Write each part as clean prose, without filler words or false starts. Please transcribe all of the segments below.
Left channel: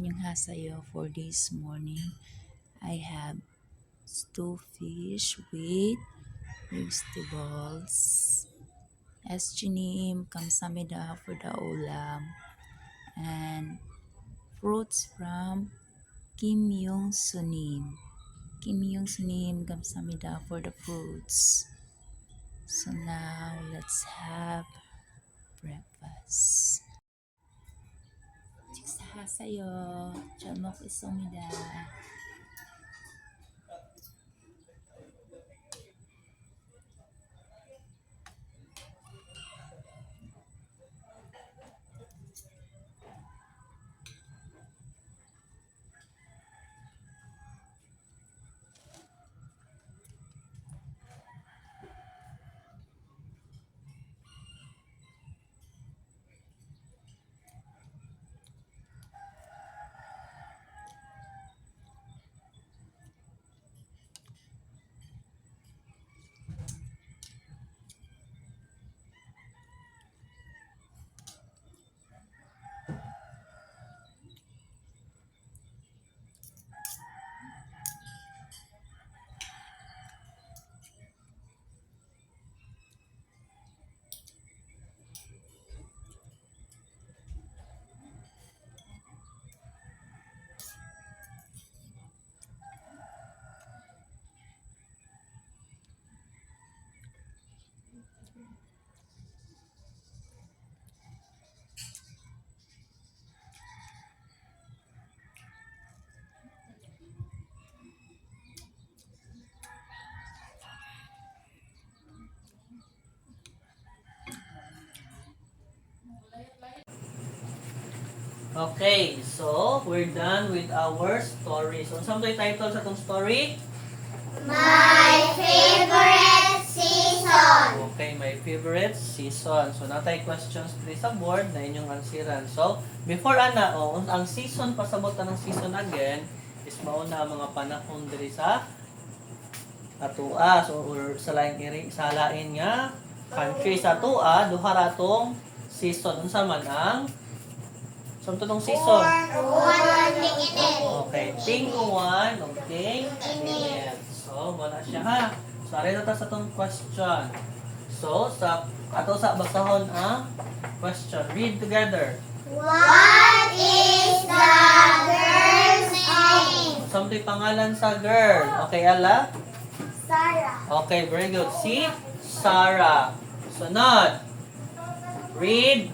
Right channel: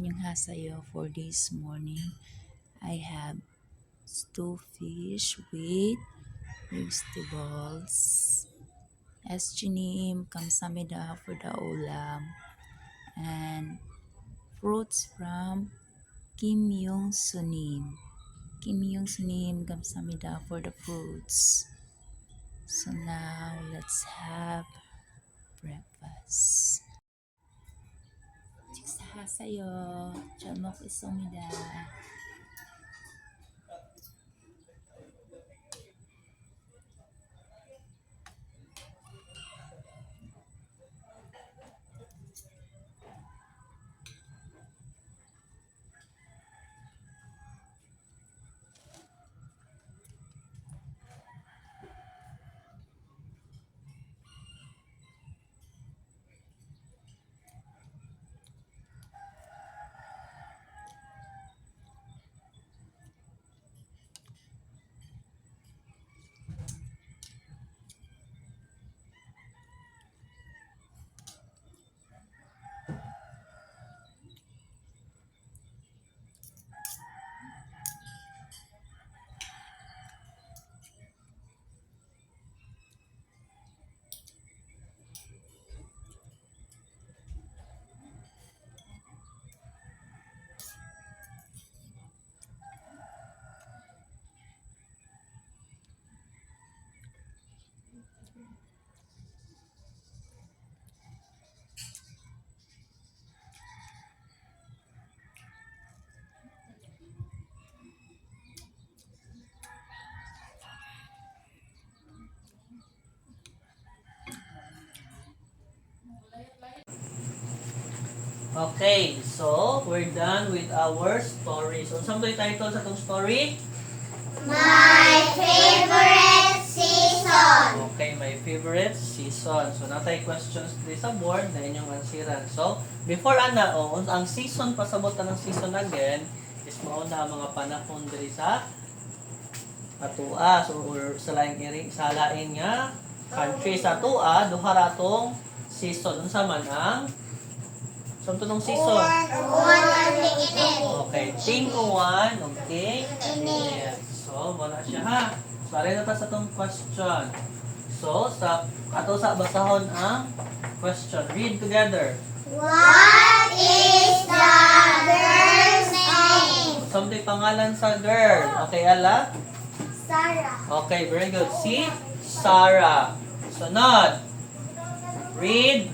Annyeonghaseyo. For this morning, I have stew fish with vegetables. Eschinim, kamsamida for the ulam, and fruits from Kim Yung Sunim. Kim Yung Sunim, kamsamida for the fruits. So now let's have breakfast. Hasayo, chamok isomida. Okay, so we're done with our story. So, saan ito title sa itong story? My favorite season. Okay, my favorite season. So, natay questions dito sa board na inyong ansiran. So, before ang season, pasabot ng season again, is mauna mga panahon diri sa atua. So, or sa lain nga country sa atua, duha ratong season. Unsa man ang so, itong season? Okay, ting uwan, ting init. So, wala siya ha. So, arin na ta sa itong question. So, ato sa basahon ang question. Read together. What is the girl's name? Something pangalan sa girl. Okay, Ella? Sarah. Okay, very good. Si Sarah. Sunod. Read.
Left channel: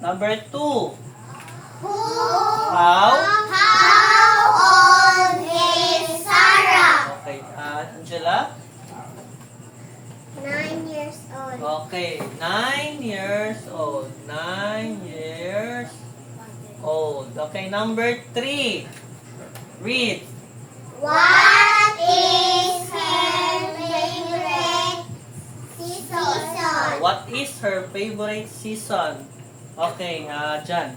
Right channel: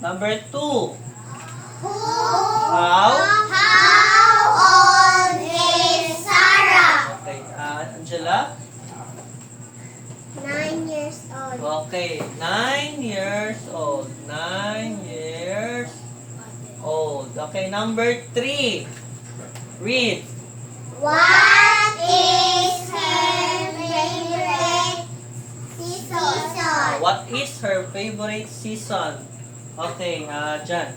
Number 2. How old is Sarah? Okay, Angela? 9 years old. Okay, 9 years old. 9 years old. Okay, number 3. Read. What is her favorite season? What is her favorite season? Okay, Jan.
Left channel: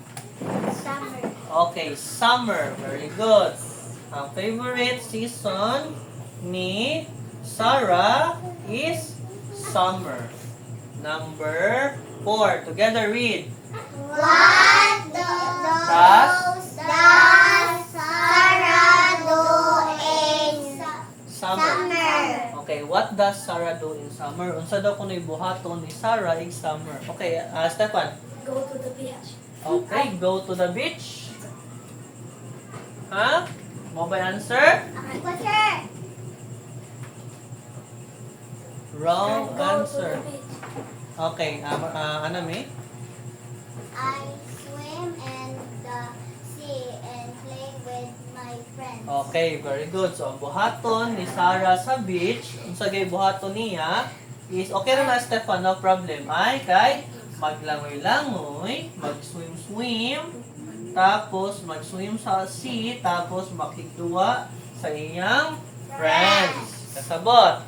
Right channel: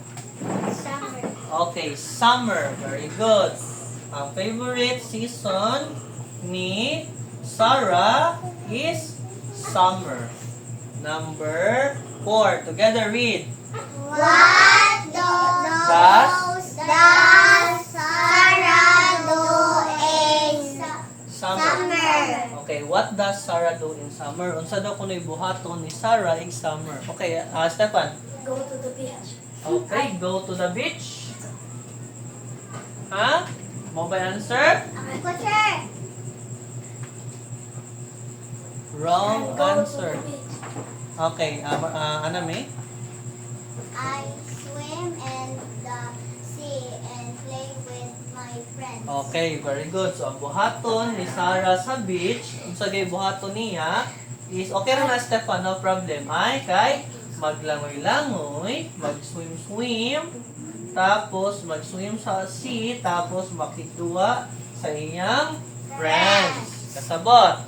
Summer. Okay, summer. Very good. Ang favorite season ni Sarah is summer. Number 4. Together read. What does Sarah do in summer? Okay, what does Sarah do in summer? Unsa daw kuno'y buhaton ni Sarah in summer? Okay, Stefan. Go to the beach. Okay, go to the beach. Ha? Mo ba answer? Teacher. Wrong answer. Okay, Anami? I swim in the sea and play with my friends. Okay, very good. So, ang buhaton ni Sarah sa beach, unsa gay buhaton niya, is, okay rin na, Stefan, no problem. Ay, kay maglangoy-langoy, mag-swim-swim, tapos mag-swim sa sea, tapos makituwa sa iyang friends. Kasabot.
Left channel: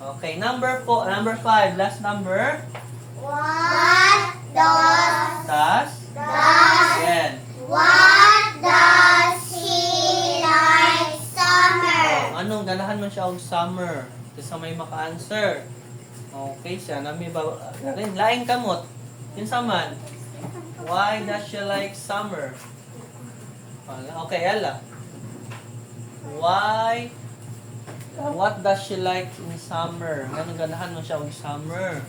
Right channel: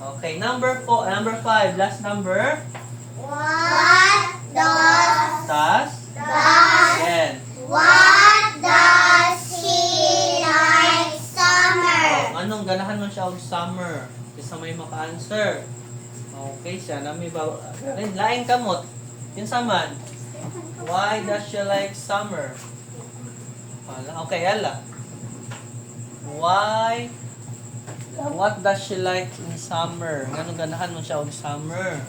Okay, number 5, last number. What Tas. Yan. she like summer? Anong ganahan mo siya og summer? Kasi may maka-answer. Okay, siya na may laing kamot. Yun man. Why does she like summer? Wala. Okay, Ella. Why? What does she like in summer? Ganun ganahan mo siya in summer?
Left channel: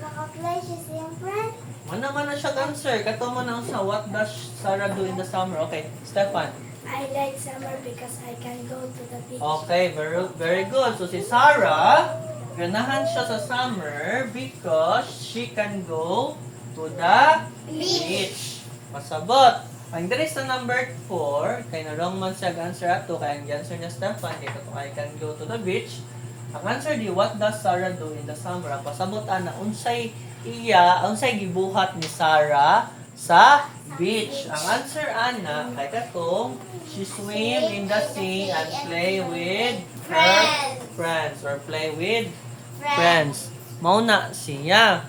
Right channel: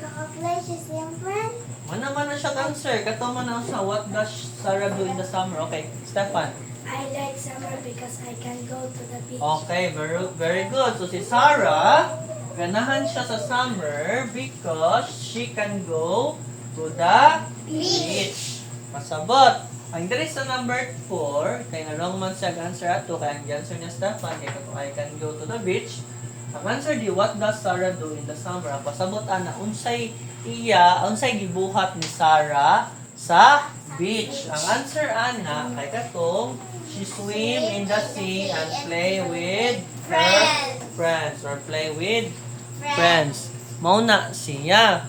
Maka-play siya siyempre. Man na siya answer. Kato man ang sa what does Sarah do in the summer? Okay, Stefan. I like summer because I can go to the beach. Okay, very good. So si Sarah, ganahan siya sa summer because she can go to the beach. Masabot. Ang diri sa number 4, kay na wrong man siya answer ato, kaya ang answer niya Stefan, kay kato I can go to the beach. Ang answer di, what does Sarah do in the summer? Ang pasabot ana, unsay gibuhat ni Sarah sa beach. Ang answer ana, kay katong, she swim in the sea and play with her friends or play with friends. Mao na siya.